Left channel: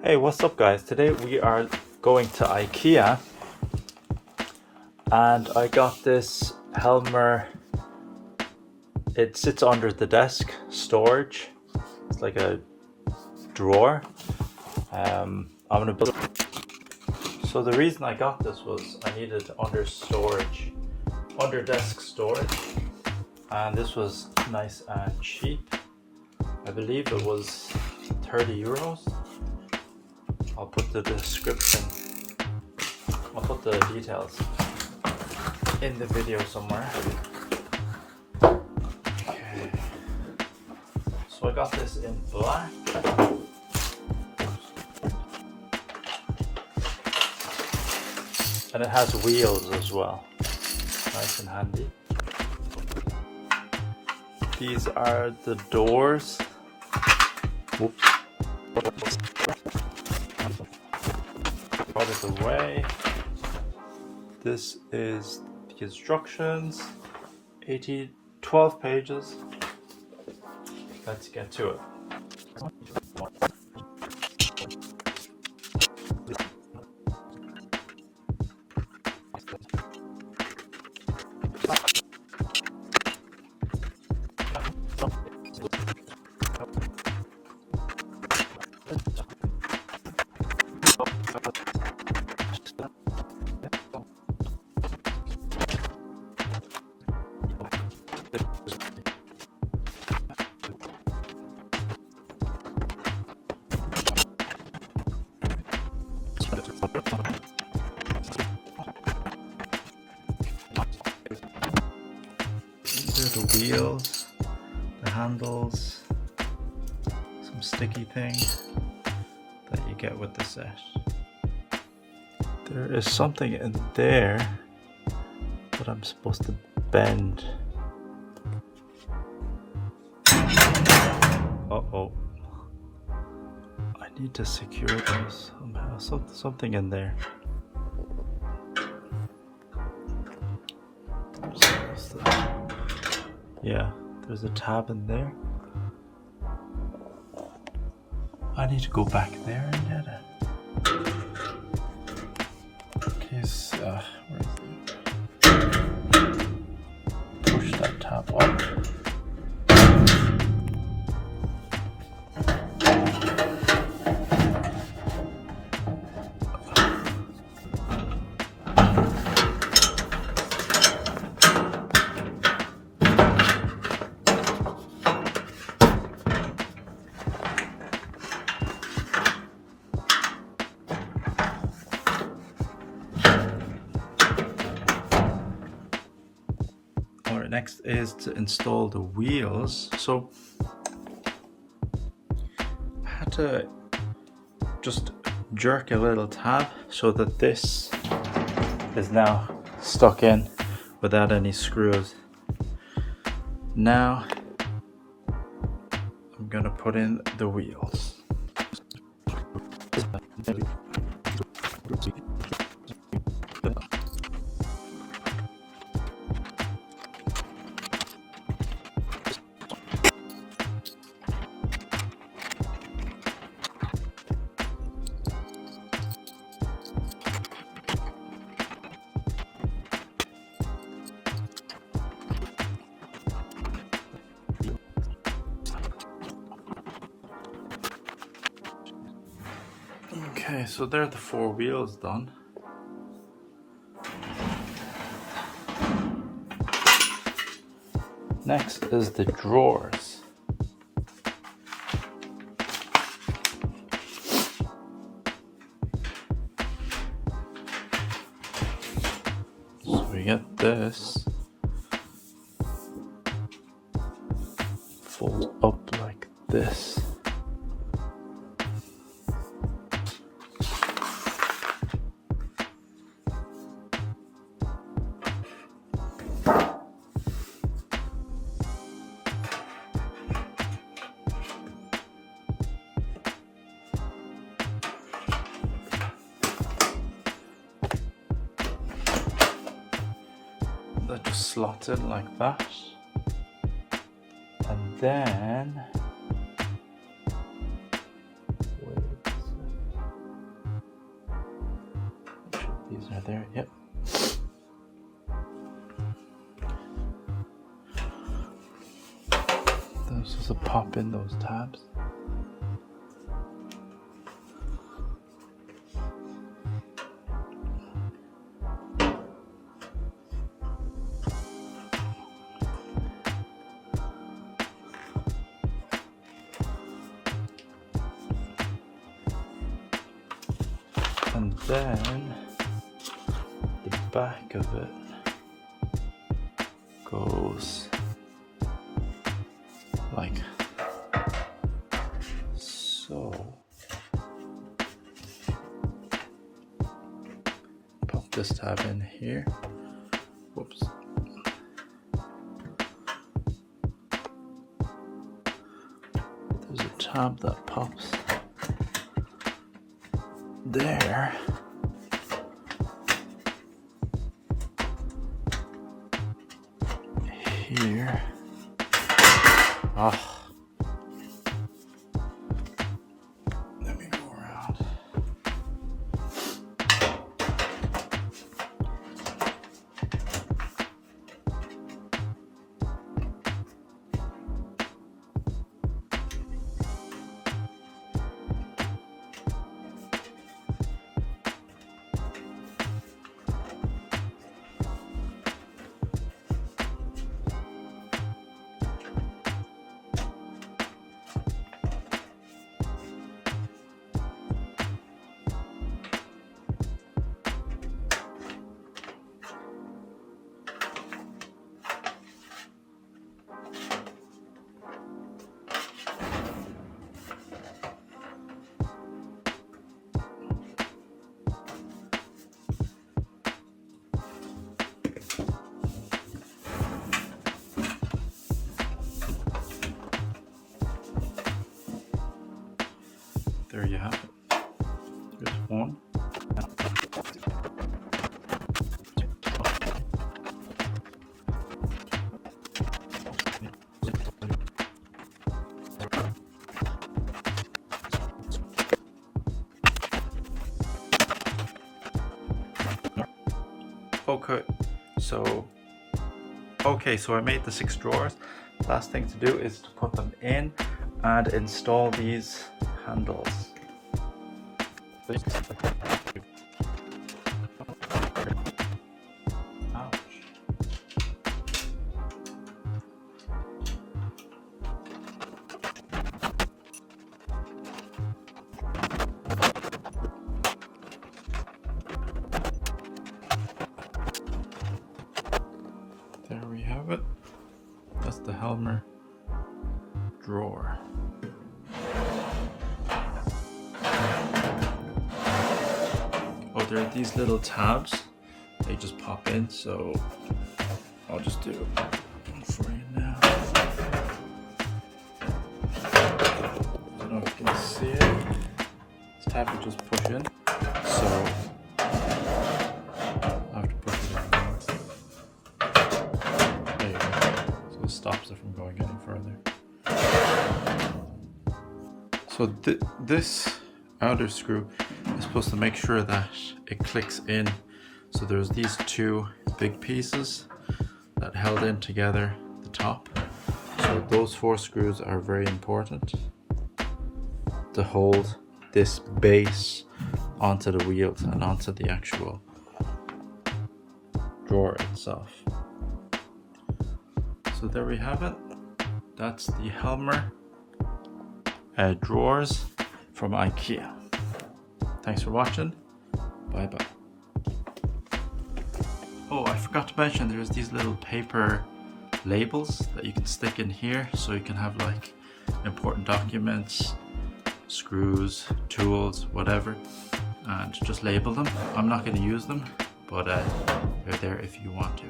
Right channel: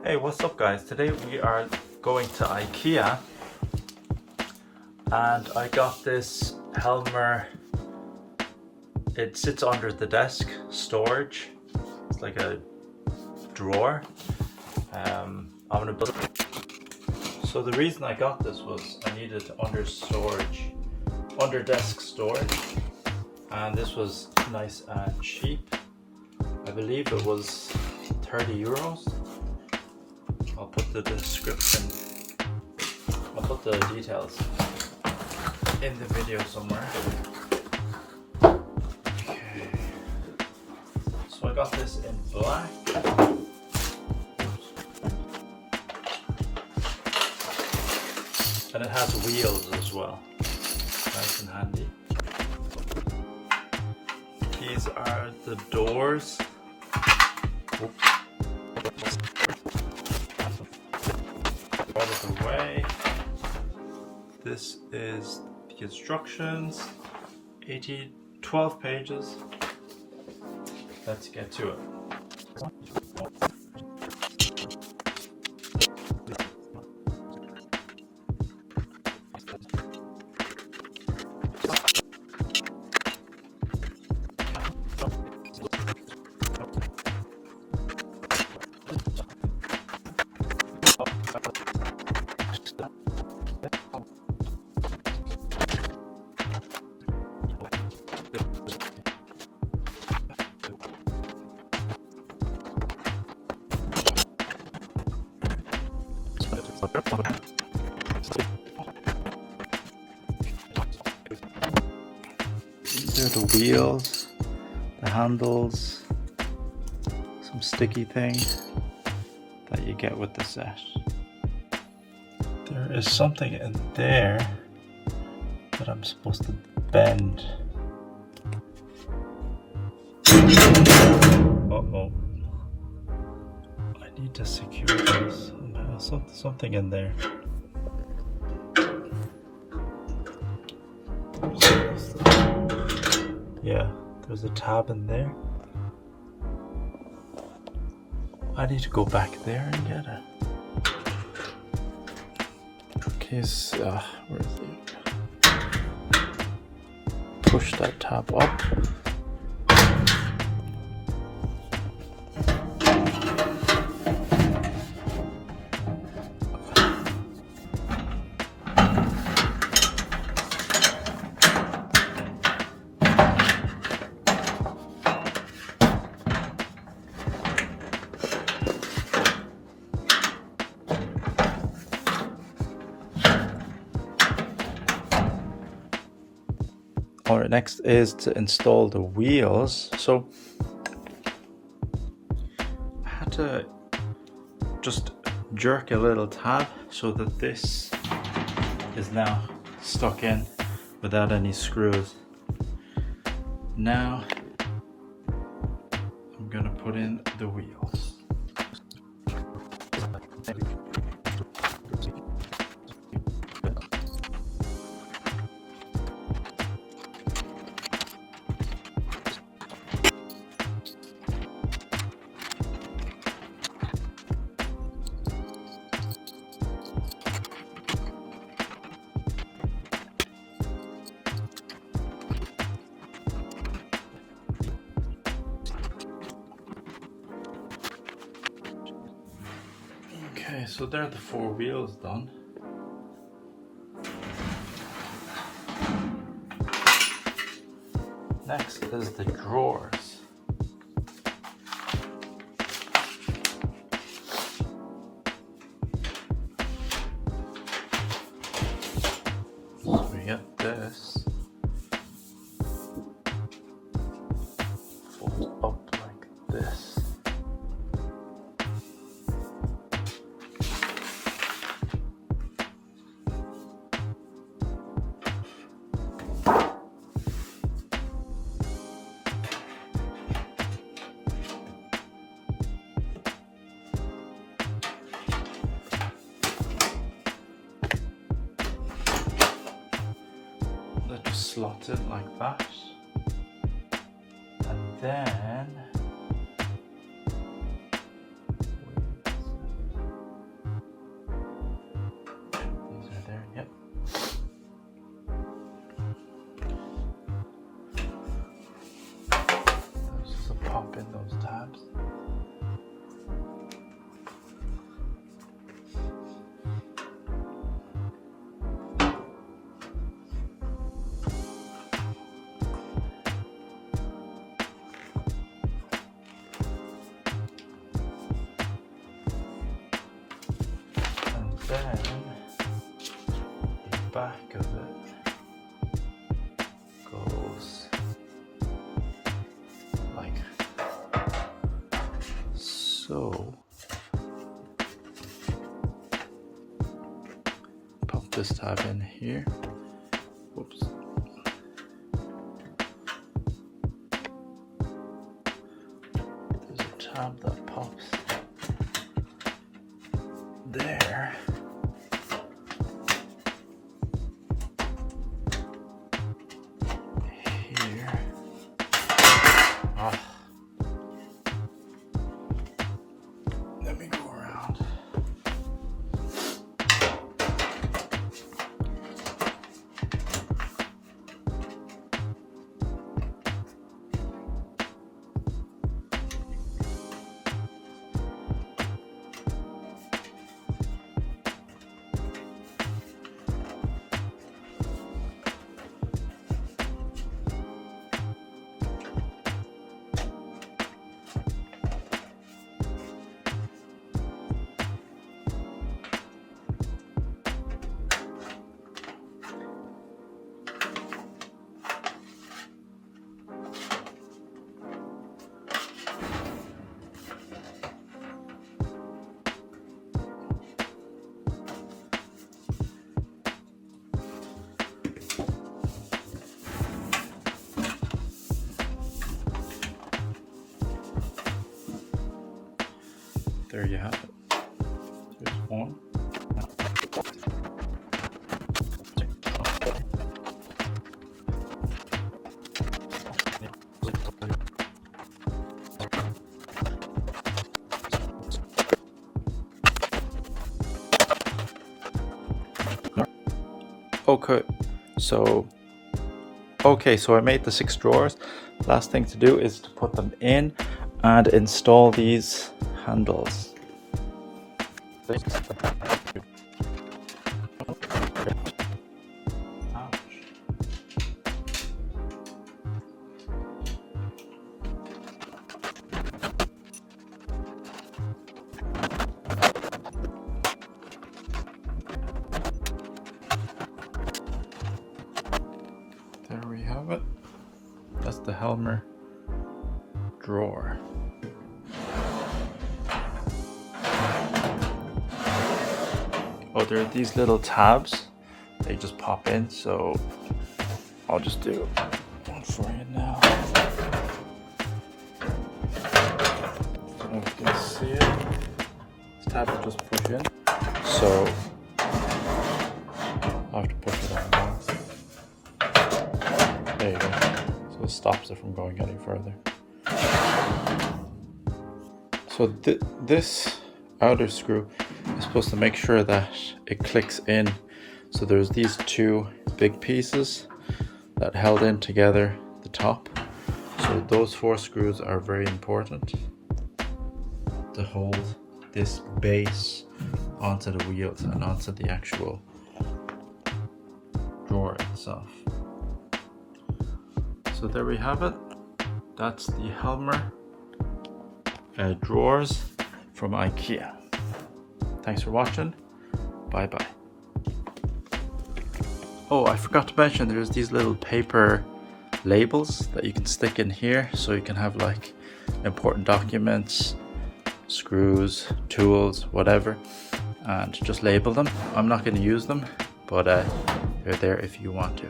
Hey, what's up guys? Today we are going to IKEA and I got this helmer. It sits under the desk storage. It's like a drawer. I'm gonna build. So the reason I got this was I needed under desk storage, and this was nice and cheap. I believe it was 30 euros. I'll put the description, I'll put the details in the video somewhere. Okay. So I got this in black. And it has wheels as well. Nice and handy. These are the doors. Oops. Out of the way. This is the instructions. 12 pages. Let's get to it. These are the wheels, the handles, some sticky thing that you get with the set. There is something in there that I'm supposed to bend. Uh-oh. I need to secure this somehow. Something in there. Yeah, there's a tab in there. I need to go back there and get it. Okay, so where is it? Push that tab up. Alright, next is to install the wheels. So I had to just jerk a little tab so that this is now stuck in without any screws. Now I'm gonna put in the wheels. Okay, so there are the 4 wheels done. Next is the drawers. So we get this folds up like this. That just slots in like that, and then These are there, yep. This is a pop in those tabs. And then the back of it goes like so. Pop this tab in here. Whoops. There's a tab that pops there. Here. Oh. Let me go around. There you have it. There's one. Okay, so I made the 6 drawers. Last thing to do is to put them in and install these handles. Ouch. There we have it. That's the helmer drawer. Oh, there are these little tabs. They just pop in, so I'll just do one for you now. I don't know if you can see it. This tab will just push in, so I have to push it out once. There you go. So it stops it from going any further. So this outer screw is supposed to make sure that it clicks in. So there's these 2 big pieces that held in together the top. So those 4 screws are very important to hold this base onto the wheels and onto the actual drawer itself. So there we have it. That's the helmer drawers from IKEA. Thanks for watching. Bye bye. Oh, I forgot to mention there's these little paper labels that you can stick in here, so you can have like important documents, screws, tools, whatever, and just label them. I'm not going to use them, but they're there if you want to.